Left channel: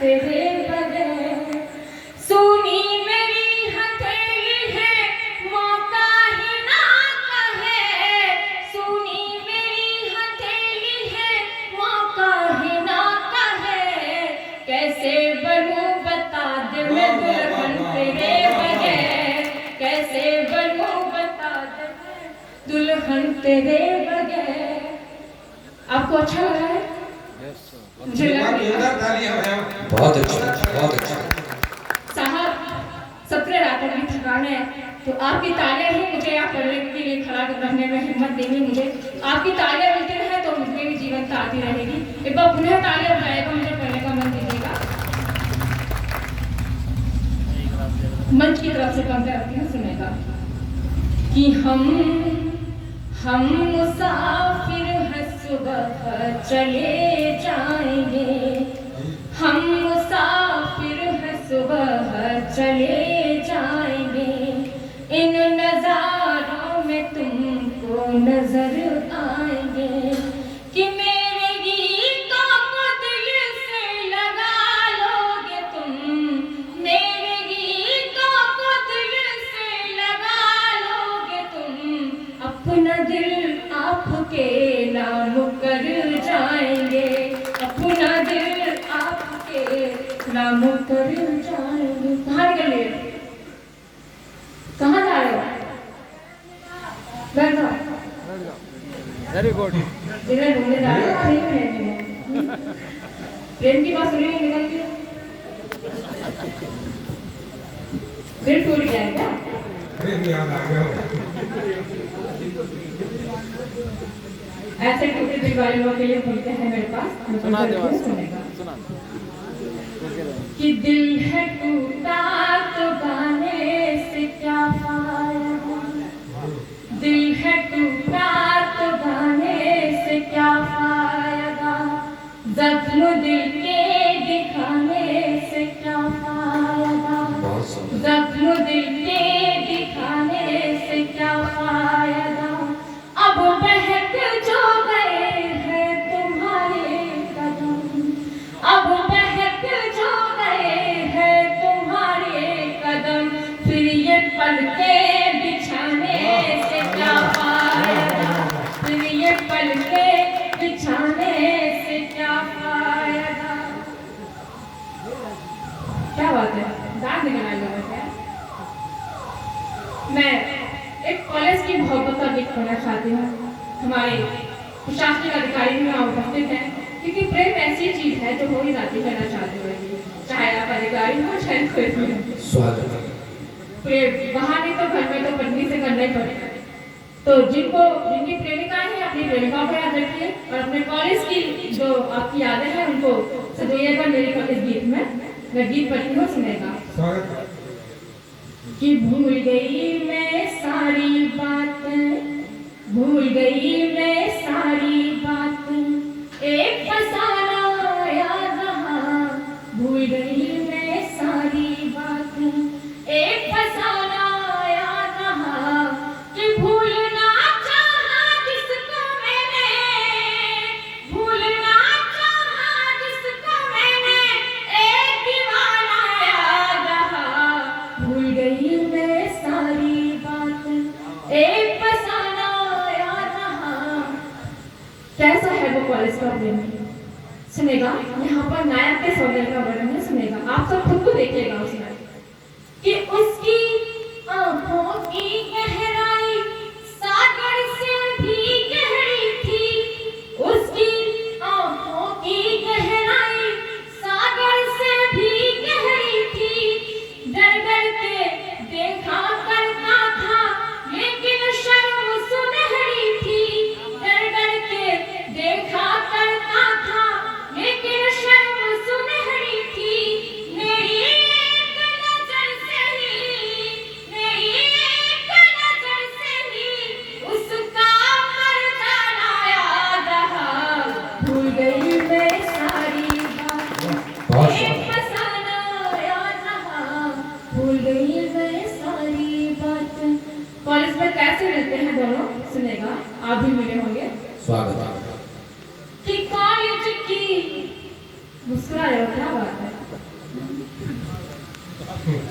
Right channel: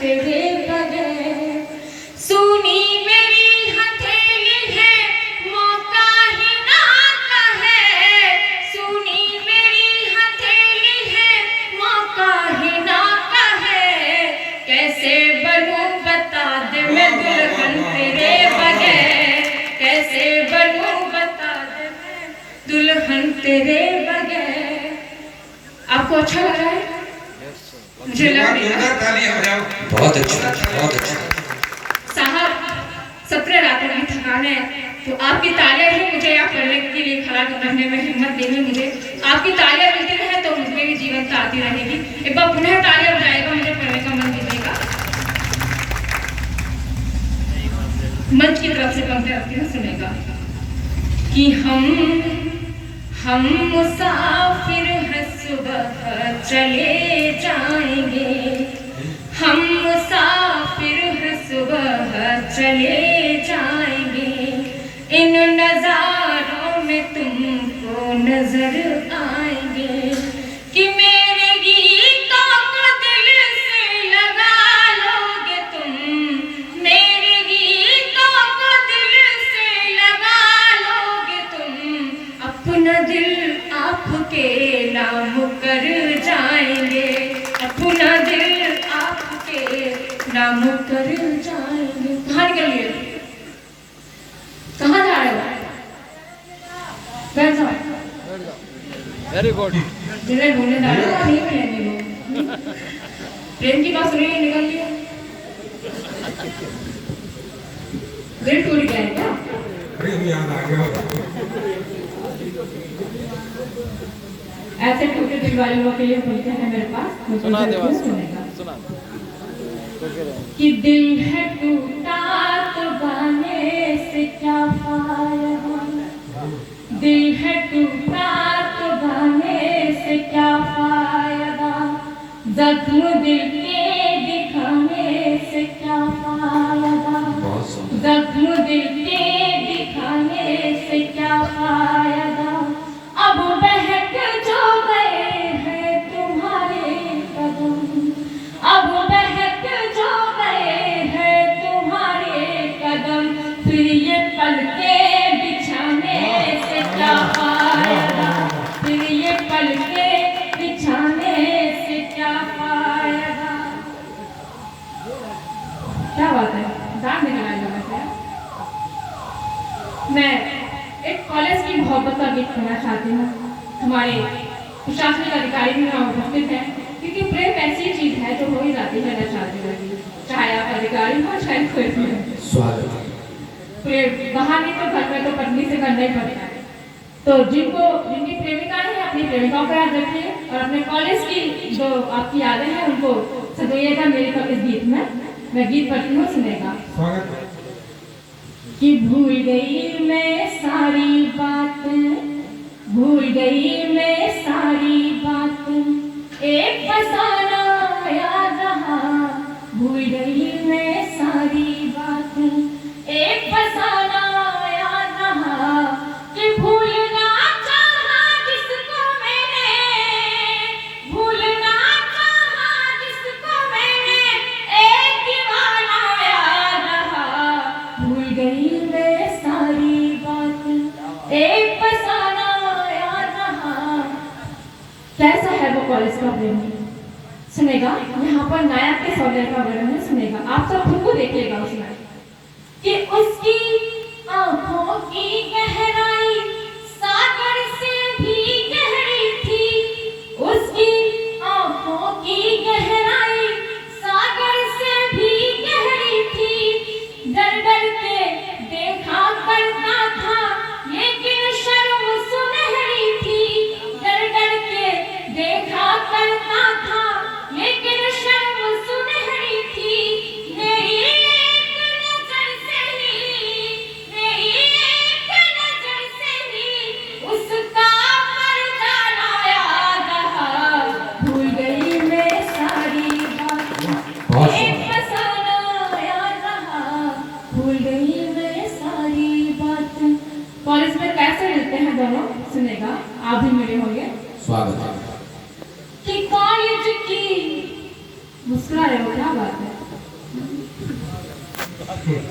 तेरे बगैर। सुनी मेरी हथेली है मौका ही ना कहे, सुनी मेरी हथेली है मौका ही ना कहे। कैसे बनूं बता दे मैं दुल्हन तेरे बगैर, कैसे बनूं बता दे मैं दुल्हन तेरे बगैर। आपको अच्छा लग रहा है? मुझे लग रहा है बहुत अच्छा, बहुत अच्छा। साहब 17 रातों की थकान है, तो आपकी तालियां ही मुझे यहाँ पढ़ने के लिए खड़ा करने में हिम्मत देंगी। मुझे आपकी तालियां मिलती रहे तो मुझमें भी जीवनता आती रहेगी। एक बार पुनः तालियां बजाएगा, मुझे पढ़ने का मन कीजिएगा। मंच की तरफ से पंक्तियां रखती हूँ, सुनेगा कि हम मुसाफिर हैं सुबह चले जाएंगे, हम मुसाफिर हैं सुबह चले जाएंगे। इन नजारों में तुमको नजर आएंगे कि मेरे गीतों को दिल से लगा लोगे तुम, मेरे गीतों को दिल से लगा लोगे तुम। अपना दिल आपके नाम कर जाएंगे, अपना दिल आपके नाम कर जाएंगे। कहाँ निकल लिए? कहाँ जा रहे हो? बैठ जाओ। Very good. जिन्हें बोलने जा रहे हो नहीं मिलेंगे वो। प्रेम की बात सुनिए, निकल लिए। दिल टूट गया है क्या? ऐसे टूटे दिल वाले लोगों के लिए बोलते हैं मेरे पास, सुना दे सुनेगा सुना कि दिल है टूटा तो गाने से क्या फायदा, दिल है टूटा तो गाने से क्या फायदा, जख्म दिल के दिखाने से क्या फायदा, जख्म दिल के दिखाने से क्या फायदा। अब बहक जो गए हैं तुम्हारे कदम, अब बहक जो गए हैं तुम्हारे कदम, फिर ये पलके बिछाने से क्या फायदा, फिर ये पलके बिछाने से क्या फायदा। क्या बात है, जान निकला लोगों से। मैं एक कॉलेज की मोहब्बत का गीत करना चाहती हूँ। हमारे प्रशासनिक अधिकारी भी वहाँ उपस्थित हैं, क्योंकि प्रेम ऐसी चीज है जो हो ही जाती है ना चाहते हुए, चाहे आप अधिकारी हो चाहे कोई भी। प्रेम वहाँ नहीं तो घर में तो पत्नी से करना ही पड़ता है। तो जिनकी प्रेमिकाएं हैं अपनी प्रेमिकाओं पर याद रखिए, और अपने कॉलेज की जो आपकी यादें हैं उनको सजइएगा मेरे इस गीत में। मैं गीत पढ़ती हूँ, सुनेगा कि भूल गई मैं सारी बातें, भूल गई मैं सारी बातें, एक फसाना याद रहा, भूल गई मैं सारी बातें, एक फसाना याद रहा, कि भूलना चाहा जिसको मैंने, भूलना चाहा जिसको मैंने, एक दीवाना याद रहा, भूल गई मैं सारी बातें, एक फसाना याद रहा। कैसा है वो कॉलेज का प्रेम? सुनेगा यहाँ पर नायक के सौदे का वर्णन सुनेगा, आप सब खुद को देखिएगा उसमें कि उसकी आंखों की गहराई सागर से भी गहरी थी, उसकी आंखों की गहराई सागर से भी गहरी थी, डर डर के देखा करता था लेकिन शर्म सुनहरी थी, डर डर के देखा करता था लेकिन शर्म सुनहरी थी। मेरी एक क्या बात है,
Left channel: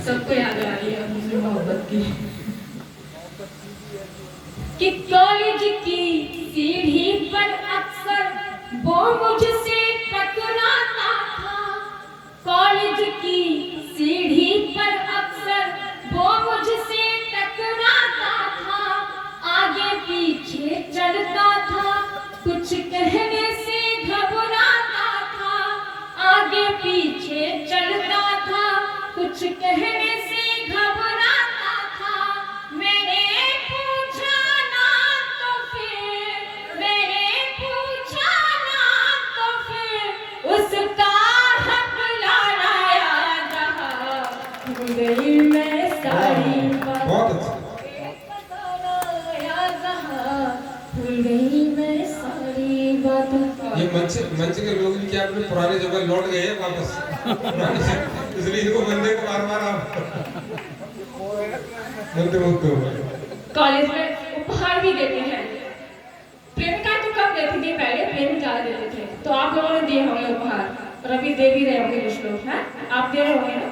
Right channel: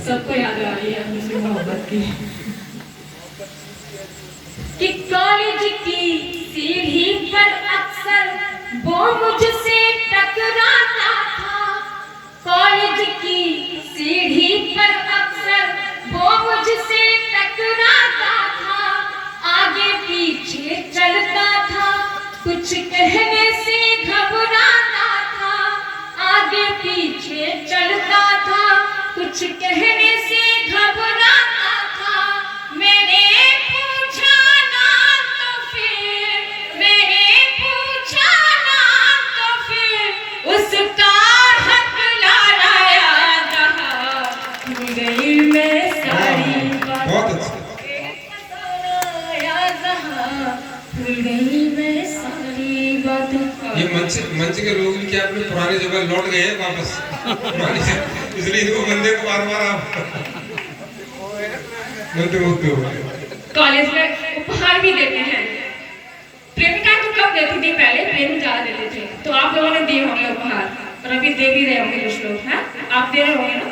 सबको याद आ रही है अपनी मोहब्बत की। कि कॉलेज की सीढ़ी पर अक्सर वो मुझसे टकराता था, कॉलेज की सीढ़ी पर अक्सर वो मुझसे टकराता था, आगे पीछे चलता था, कुछ कहने से घबराता था, आगे पीछे चलता था, कुछ कहने से घबराता था। मैंने पूछा ना तो फिर उसका हक लाना याद रहा, भूल गई मैं सारी बातें, बहुत अच्छा। याद रहा, भूल गई मैं सारी बातें। ये मंच के लोग भी क्या अपने पुराने जगह लौट गए हैं वापस इसलिए इनको बंदे को बार बार आप मंत्र मुक्त हो गए। कॉलेज में उपहार भी देते हैं। प्रेमिका तो कब देती थी, पहले प्रेम ज्यादा देते थे, तो आप लोगों ने दिए होंगे उपहार, और अभी दे भी रहे होंगे कुछ लोग, हैं? आप दे रहे होंगे ना?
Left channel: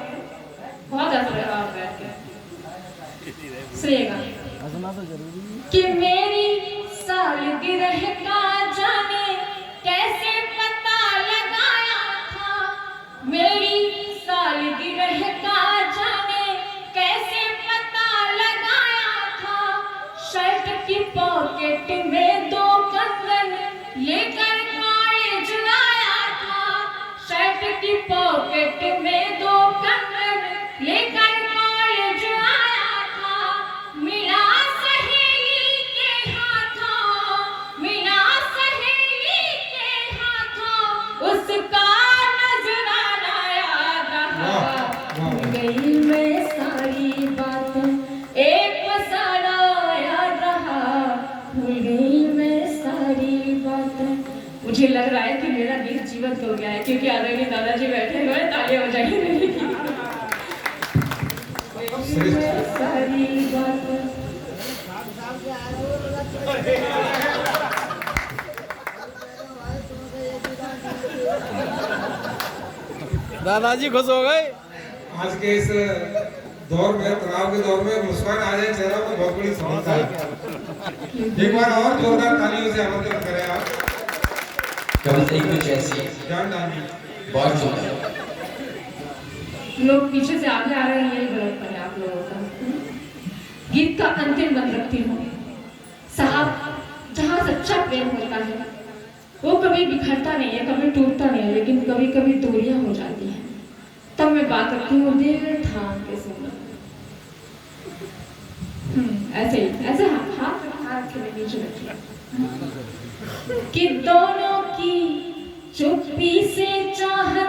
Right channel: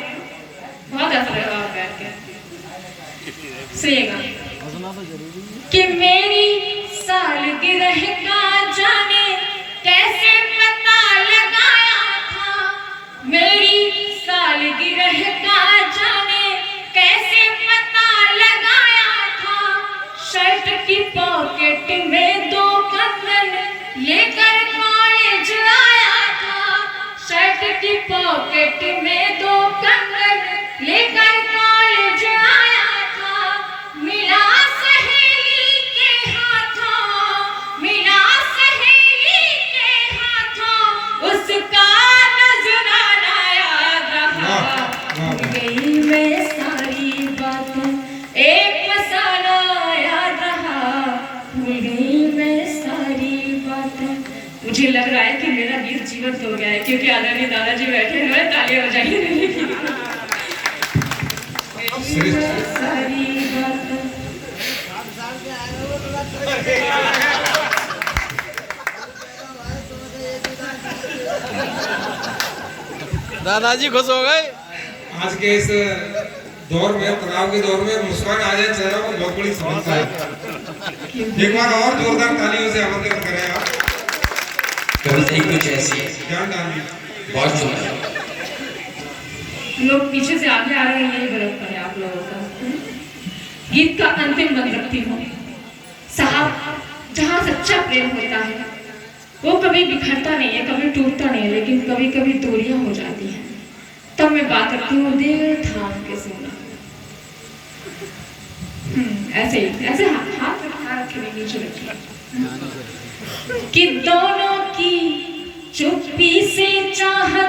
बहुत अच्छा लगा आप बैठ के। सुनिएगा कि मेरी सालगिरह का जाने कैसे पता लगाया था, मेरी सालगिरह का जाने कैसे पता लगाया था, शर्ट की पॉकेट में 2 कंगन लेकर कॉलेज आया था, शर्ट की पॉकेट में 2 कंगन लेकर कॉलेज आया था, मिला सहेली के हाथों, मिला सहेली के हाथों, उसका नजराना याद रहा, भूल गई मैं सारी बातें, एक फसाना याद रहा, भूल गई मैं सारी बातें। मुझे लग रहा है कि मेरा गीत जीवंत हो गया है, क्योंकि आदरणीय दादाजी बैठे हुए हैं, तालियां बजाइए मेरे लिए। सारी बातें दादाजी खुश हो गए। आज के इस दौर में, तनाव के दौर में मुस्कान आ जाए चेहरों पर बहुत बड़ी समस्या है। एक बार और जोरदार तालियों से आमंत्रित करें आप। कविता ही कुछ ऐसी है, ध्यान डालिए। बहुत सुंदर। लोग पीछे से आगे आ रहे हैं, यही गलत है आप लोगों का। गीत का अंतिम बंद रखती हूँ साहब, जहाँ सच्चा प्रेम होता है वो कभी बिखरता नहीं है, कभी टूटता नहीं है, लेकिन कभी कभी दूरियां हो जाती हैं, तब मैं बात करती हूँ दिल थाम के सुनना। ऐसे ही, ऐसे हाथ के नीचे रखिए कि दोनों की चुप्पी से चाहत